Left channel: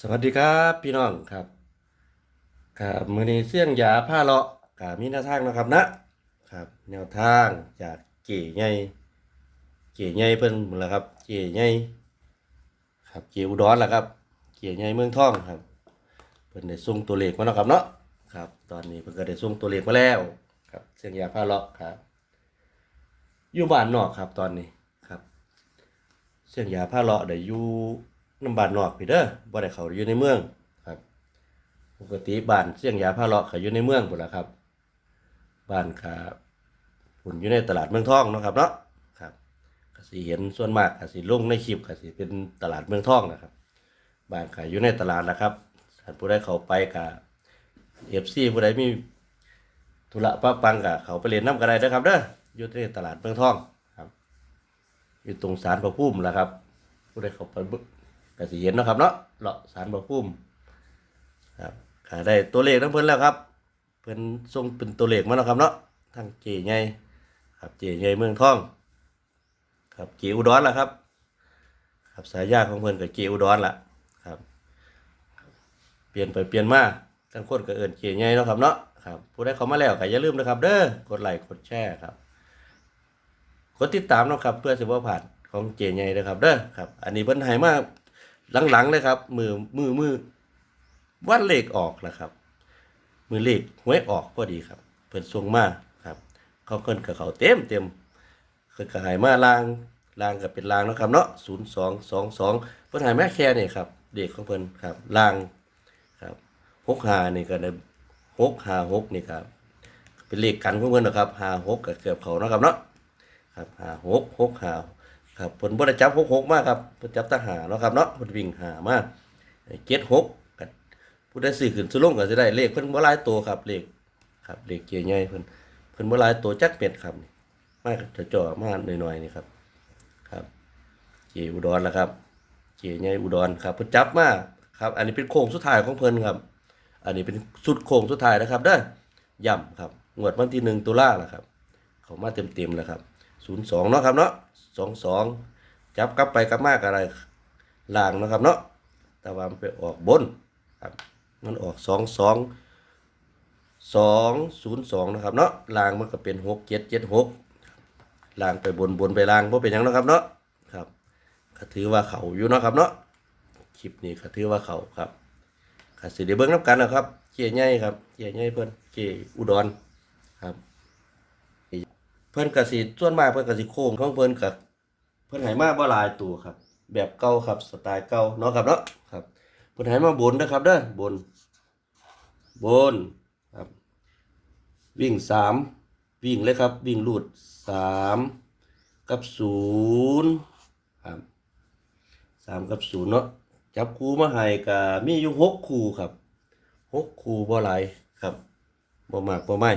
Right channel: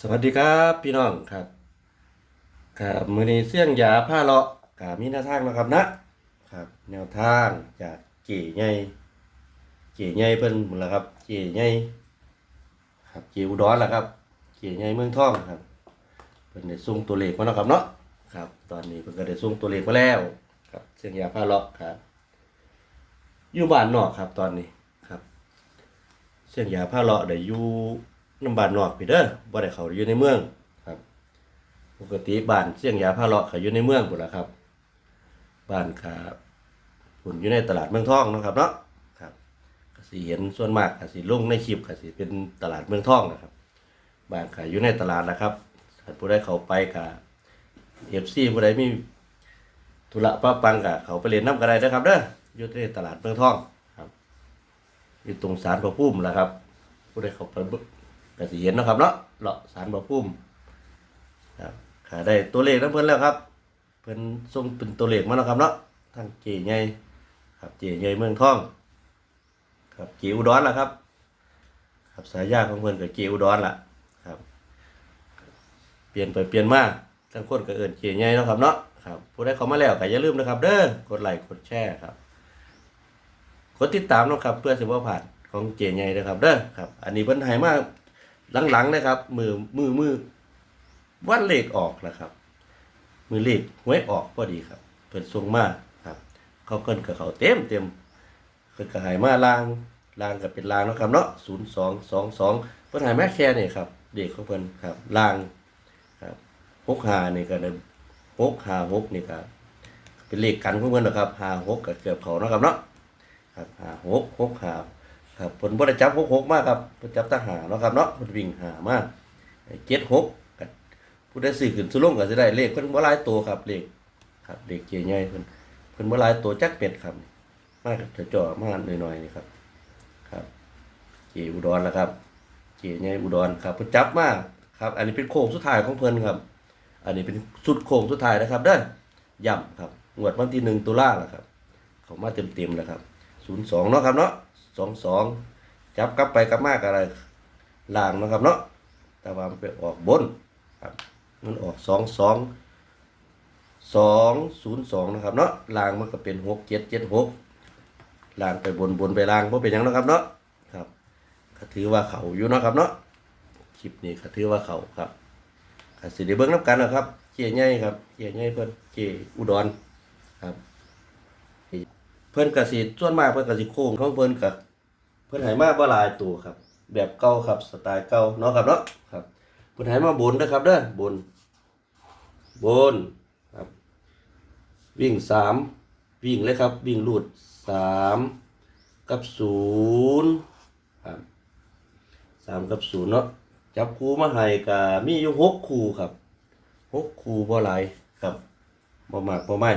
สวัสดีครับพี่น้องครับครับมือนี้เสี่ยงยาผ้าเลาะกับมีแนวทางนะครับนะครับ แนวทางจากเก๋ใหญ่เก๋ใหญ่เพิ่นหมดแล้วครับเก๋ใหญ่ครับเก๋อุดรล่ะครับเก๋ใหญ่เมืองทองครับเพิ่นได้ส่งตัวเลขมาแล้วครับเนาะครับ ตอนนี้เพิ่นก็ได้ส่งตัวเลขมาแล้วครับเสี่ยงยาผ้าเลาะครับอยู่บ้านนอกครับตอนนี้ครับ เส้นยาผ้าเลาะได้อยู่ น้ำบ้านนอกพี่เด้อบ่ได้เข้าอยู่ในเมืองครับ ปกติบ้านเส้นยาผ้าเลาะเขาอยู่ในเมืองพุ่นล่ะครับ บ้านขาพุ่นอยู่ในตลาดเมืองทองเนาะครับเนาะครับก็สิเห็นส่วนมากก็สิลงในคลิปก็สิเป็นตลาดเมืองทองนะครับบ้านขายอยู่ในตลาดล่ะครับถ้าผู้ใดเข้าไปก็ FC ผู้ใดมีธุระปะปังก็เขาไปเล่นน้ำก็ได้เด้อครับเด้ออยู่ในตลาดเมืองทองครับอยู่ตรงสารพระภูมิแหละครับผู้ใดเข้าไป ก็สิเห็นนะครับเนาะเลาะสารพระภูมิครับขาได้ตัวเลขน้ำเพิ่นแล้วครับ เพิ่นส่งเป็นตัวเลขมาแล้วครับเนาะทางเจใหญ่ครับเจใหญ่เมืองทอง ครับเจอุดรล่ะครับ ครับสายยาของเพิ่นก็เจอุดรล่ะครับ เปลี่ยนไปเปลี่ยนมาทั้งคนก็เอิ้นเจใหญ่แล้วครับเนาะครับผู้ใดเข้ามาแล้วก็อย่าลืมนะครับ เด้อกดไลค์กดแชร์ครับกดติดตามนะครับเพื่อสิบ่พลาดของเจใหญ่นะครับเด้อครับ อันนี้เพิ่นให้มา หลังๆนะครับ มือมือมือวันเลขออกนะครับ มือเลขหวยออกพอดีครับเพิ่นส่งมาครับเขาเพิ่นกับเขาเต็มเต็มเพิ่นก็ให้มาลางลางก็เป็นลางนะครับเนาะ0222เพิ่นให้มาแค่นี้ครับเด็กของเพิ่นครับลางครับ65นี่ก็ได้656นี่ครับเป็นเลขกันของเพิ่นนะครับ56ก็เกือบเขานะครับเนาะครับหาหกหกหา ครับผลบริจับหกหกมากครับผลจับทหารเนาะครับเนาะผลวิ่งหามากเจ็ดหกก็ผู้ได้สื่อขึ้นสุลงก็จะได้เลขเพิ่นบ่หลายตัวครับเลขครับเลขเจียใหญ่เพิ่นเพิ่นบ่หลายตัวจักเป็ดครับมากจะจ่อๆมากหน่อยๆนี่ครับ ครับเจอุดรแล้วครับเจใหญ่อุดรครับเพิ่นจับมากครับ อันนี้เป็นโค้งสุดท้ายของเพิ่นครับ อันนี้เป็นสุดโค้งสุดท้ายนะครับเด้อย่ำครับงวดวันที่หนึ่งตุลาแล้วครับเขามาเต็มๆแล้วครับศูนย์สองเนาะครับเนาะ สองสองจับกลับไปกลับมากอะไรล่างนะครับเนาะแต่ว่ามันไปออกบนครับมันออกสองสองสองศูนย์สองนะครับเนาะล่างมันก็เป็นหกเจ็ดเจ็ดหกล่างไปบนบนไปล่างเพราะเป็นยังนะครับเนาะครับก็ถือว่าเขาอยู่นะครับเนาะคลิปนี้ก็ถือว่าเขาครับก็สิได้เบิ่งน้ำกันนะครับเจียใหญ่ครับเจียใหญ่เพิ่อนเจอุดรครับ เพิ่นก็สิส่วนมากเพิ่นก็สิโค้งของเพิ่นก็เพิ่นให้มาบ่หลายตัวครับ แบบเก่าครับสไตล์เก่าเนาะครับเนาะครับเพิ่นให้มาบนนะครับเด้อบน บนครับ วิ่งสามวิ่งเลยครับ วิ่งลูดสามกับศูนย์ครับสามกับศูนย์เนาะจับคู่มาให้ก็มีอยู่หกคู่ครับหกคู่บ่หลายครับบ่มากบ่ไม่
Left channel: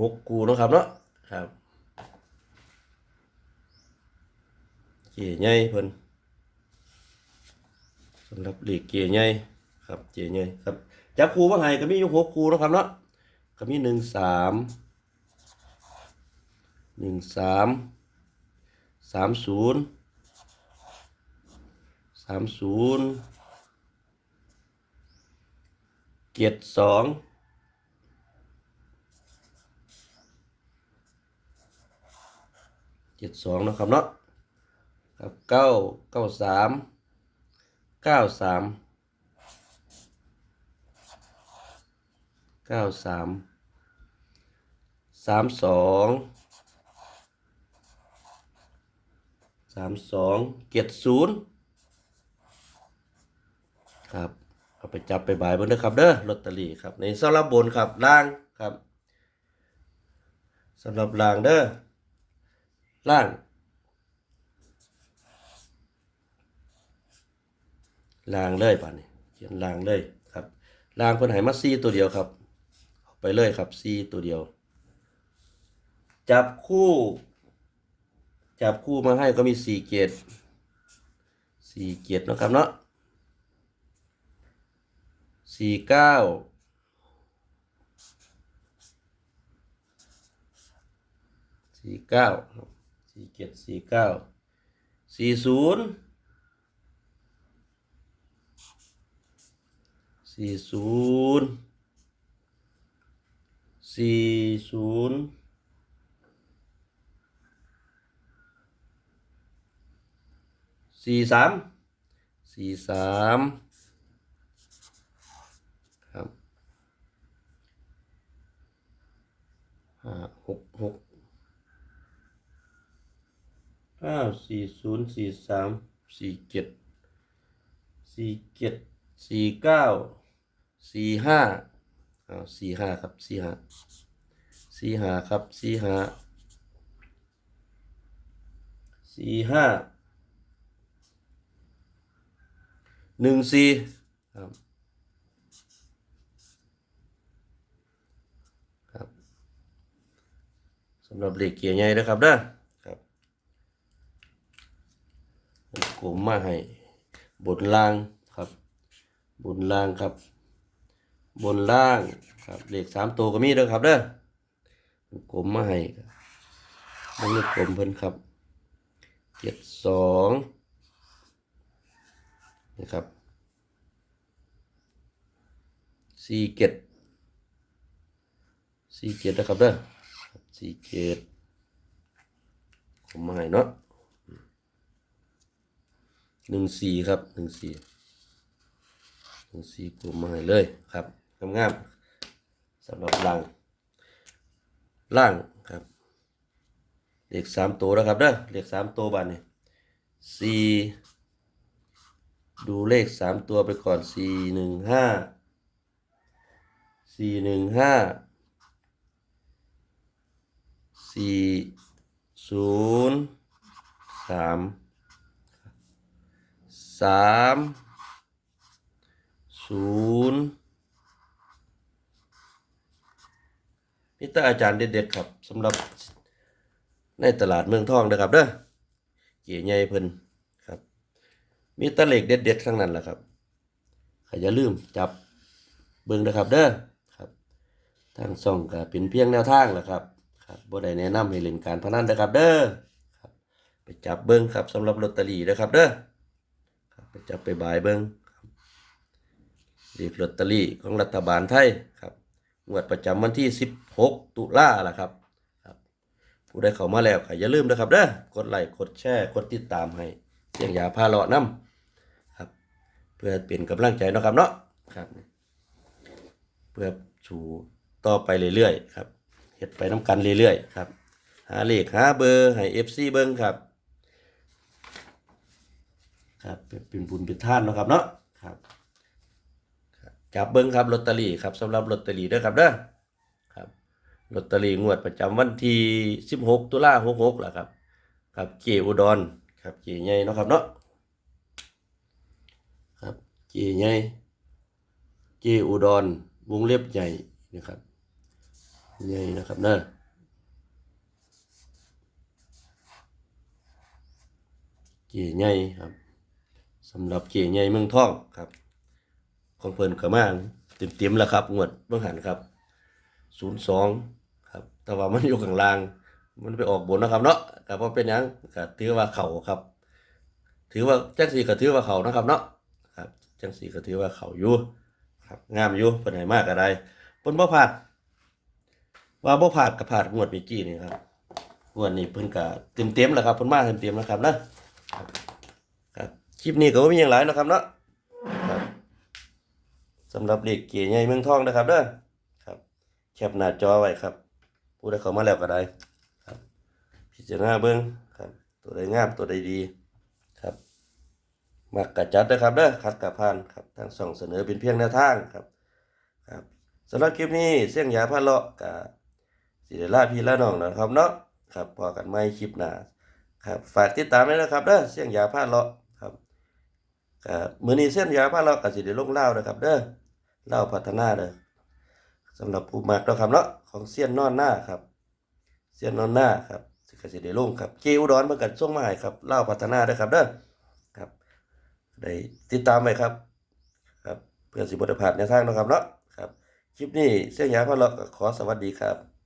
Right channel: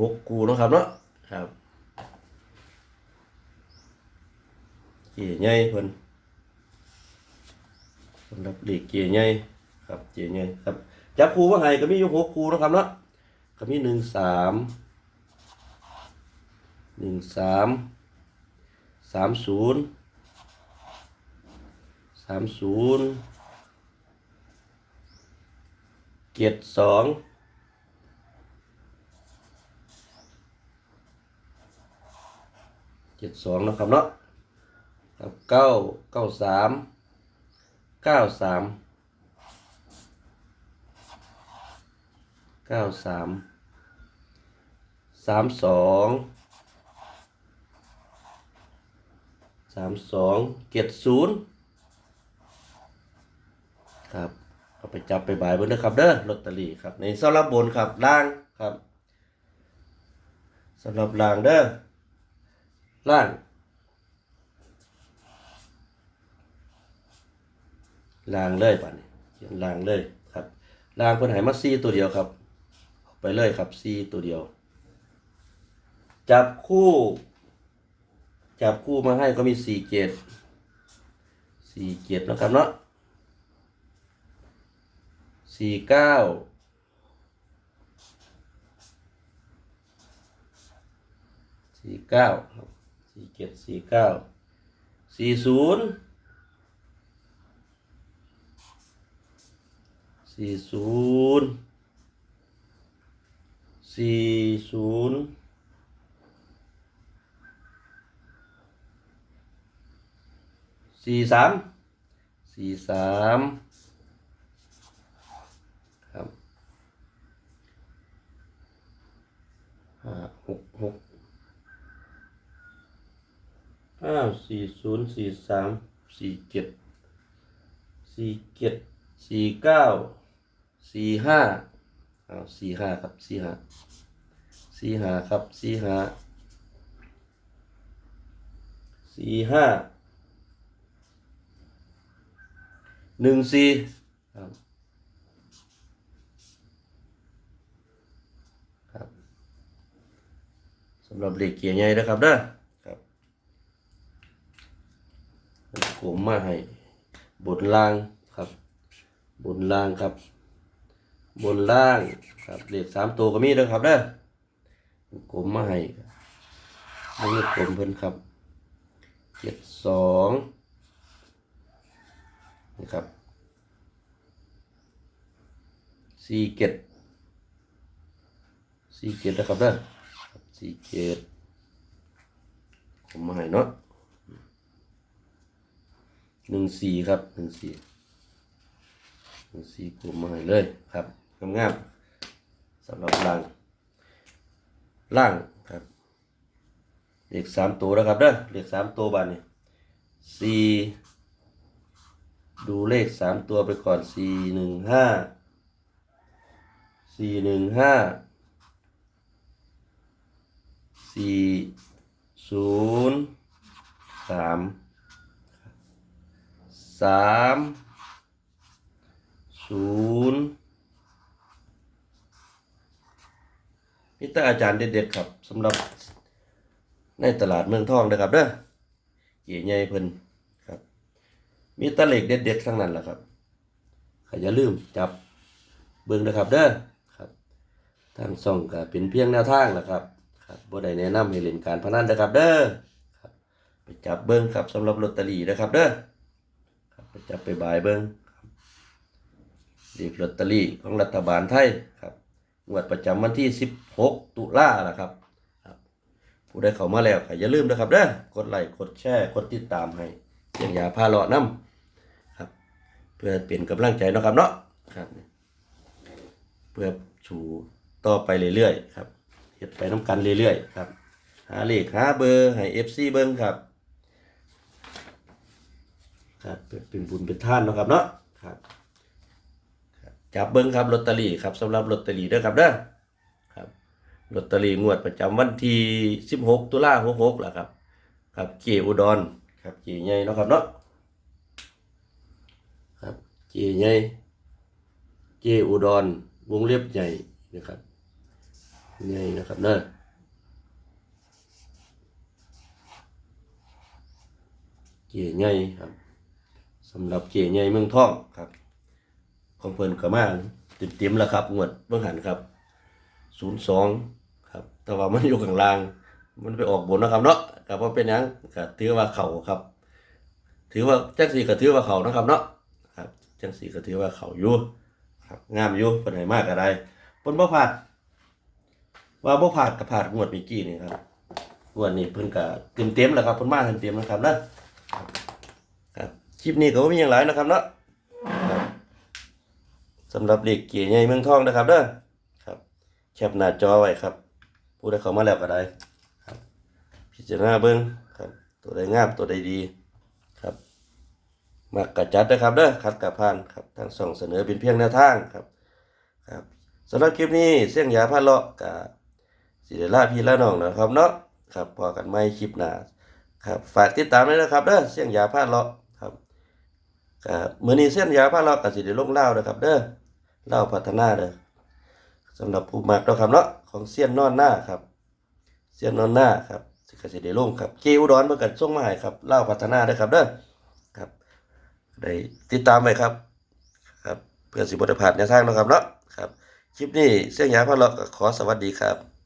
หกกูนะครับเนาะครับเจี๋ยใหญ่เพิ่นสำหรับเด็กเจี๋ยใหญ่ครับเจี๋ยใหญ่ครับจับคูว่าไงก็มีอยู่หกคูนะครับเนาะก็มีหนึ่งสามหนึ่งสามสามศูนย์สามศูนย์เจ็ดสอง เจ็ดสองนะครับเนาะครับเก้าเก้าสามเก้าสามเก้าสามสามสองสามสองเจ็ดศูนย์ครับเอาไปจับไปบายเบนเด้อครับเด้อลอตเตอรี่ครับในสำหรับบนครับล่างครับสำหรับล่างเด้อ ล่าง ล่างเลยป่ะนี่ล่างเลยครับ ล่างคนไหนมาซีตัวเดียวครับ ไปเลยครับซีตัวเดียว จับคู่ จับคู่มาให้ก็มีสี่เกียรติสี่เกียรตินะครับเนาะสี่เก้าสี่เก้า sedikit sikal. Sisun sisun sam, si sam. ห้าสี่ศูนย์สี่สามสี่เจ็ดสี่เจ็ดสี่เก้าสี่ห้าเอาสี่ห้าครับสี่ห้าสี่ห้าครับสี่ห้าสี่ห้าหนึ่งสี่ครับครับสำหรับเลขเกียร์ใหญ่นะครับเด้อครับมัน กลมมาให้บนล่างครับ บนล่างครับ บนล่างครับเลขสามตัวก็มีเด้อครับเด้อมันกลมมาให้อันนี้กลมเพิ่นครับเจ็ดสองนะครับสี่เจ็ดสี่เจ็ดนะครับเด้อสี่เจ็ดกลมมาให้เนาะ หนึ่งสี่ครับหนึ่งสี่หนึ่งสี่กลุ่มมาให้เลยครับงามๆสำหรับล่าง ล่างครับเลขสามตัวแล้วครับเด้อเลขสามตัวบานนี่สี่ดูเลขสามตัวไปก่อนสี่หนึ่งห้าสี่หนึ่งห้าสี่ศูนย์สาม สามศูนย์นี่ตาอาจารย์เด็ดๆครับสำหรับในตลาดเมืองทองนะครับเด้อเก๋ใหญ่เพิ่นครับมีตะเหล็กเด็ดๆทั้งนั้นแหละครับขอย่าลืมจับเบิ่งนะครับเด้อครับทางส่องก็เป็นเพียงแนวทางนะครับครับบ่ได้แนะนำให้เล่นการพนันนะครับเด้อครับไปจับเบิ่งครับสำหรับลอตเตอรี่นะครับเด้อ ไปจับไปบายเบิ่งเลขลอตเตอรี่ของรัฐบาลไทยครับงวดประจำวันที่ 16 ตุลาล่ะครับ ผู้ใดเข้ามาแล้วก็อย่าลืมนะครับเด้อกดไลค์กดแชร์กดติดตามให้เสียงยาพาเลาะนํครับ เพื่อเป็นกำลังใจนะครับเนาะครับ เพื่อสู่ต่อไปเรื่อยๆครับเฮ็ดไปน้ำกันเรื่อยๆครับ หาเลขหาเบอร์ให้ FC เบิ่งครับ ครับเป็นบุญเป็นท่านนะครับเนาะครับจับเบิ้งครับลอตเตอรี่ครับสำหรับลอตเตอรี่เด้อครับเด้อครับลอตเตอรี่งวดประจำวันที่16ตุลาคม66ล่ะครับ ครับเจอุดรครับเจใหญ่นะครับเนาะครับเจใหญ่เจอุดรวงเล็บใหญ่นะครับใหญ่นะครับเด้อเจใหญ่ครับ สำหรับเจใหญ่เมืองท่องครับของเพิ่นก็มาเต็มๆแล้วครับ งวดเบิ่งหันครับ02ครับ แต่ว่ามันอยู่ข้างล่าง มันไปออกบนนะครับเนาะก็บ่เป็นยังก็ถือว่าเข้าครับ ถือว่าแจังซี่ก็ถือว่าเข้านะครับเนาะครับแจังซี่ก็ถือว่าเข้าอยู่ครับงามอยู่เพิ่นให้มากก็ได้เพิ่นบ่พลาดว่าบ่พลาดก็พลาดงวดเมื่อกี้นี่ครับงวดนี้เพิ่นก็เต็มๆแล้วครับเพิ่นมาเต็มๆนะครับนะ คลิปนี้ก็บ่มีหยังหลายนะครับเนาะครับสำหรับเด็กเก๋ใหญ่เมืองทองนะครับเด้อครับ แคปหน้าจอไว้ครับ ผู้ใดเข้ามาแล้วก็ได้ครับ พิจารณาเบิ่งครับ ตัวใดงามตัวใดดีครับมักกะจัดนะครับเด้อคัดกะพานครับทางส่องเสนอเป็นเพียงแนวทางครับครับสำหรับคลิปนี้เสี่ยงยาพาเลาะกะสิได้ลาพี่ละน้องนะครับเนาะครับพอกันใหม่คลิปหน้าครับฝากติดตามด้วยนะครับเด้อเสี่ยงยาพาเลาะ ครับครับมื้อนี้เส้นยาพาเราก็สิได้ลงเล่านะครับ เด้อเล่าพัฒนาเด้อสำหรับผู้มักเนาครับเนาะของเสี้ยนนอนหน้าครับ เสี้ยนนอนหน้าครับก็สิได้ลงครับเกอุดรเพิ่นก็ส่งมาให้ครับเล่าพัฒนาเด้อครับเด้อครับได้ติดตามไว้ครับ ครับเพื่อสิบ่ได้พลาดแนทางเนาะครับเนาะครับ คลิปนี้เสียงยาพาเราก็ขอสวัสดีครับ